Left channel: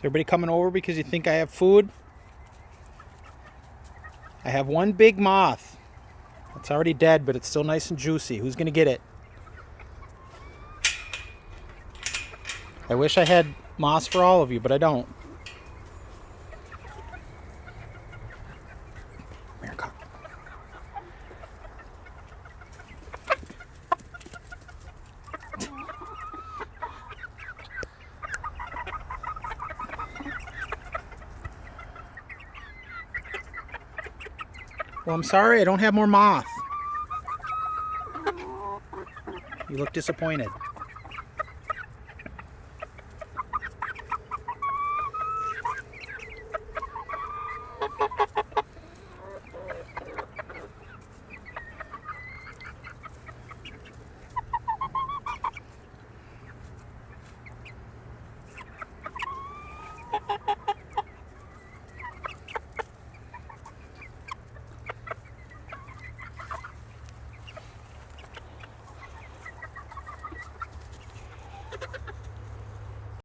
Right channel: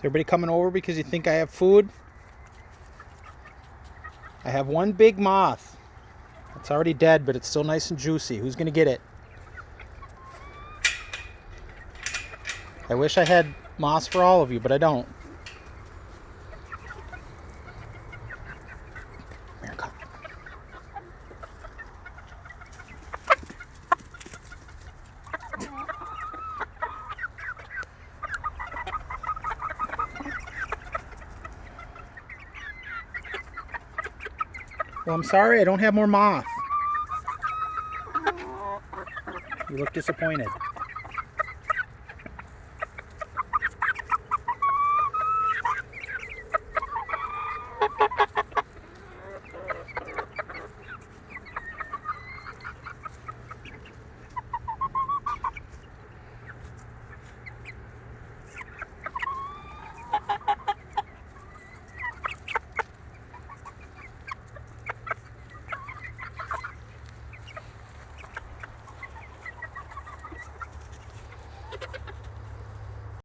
everybody coming over because you think I have food? I have one big moth. It's already dead, but it's still nice and juicy. Who's gonna get it? I wish I had moss for all of you, but I don't. Here, come. Well, I'm sorry, I don't have more moth. You look disappointed.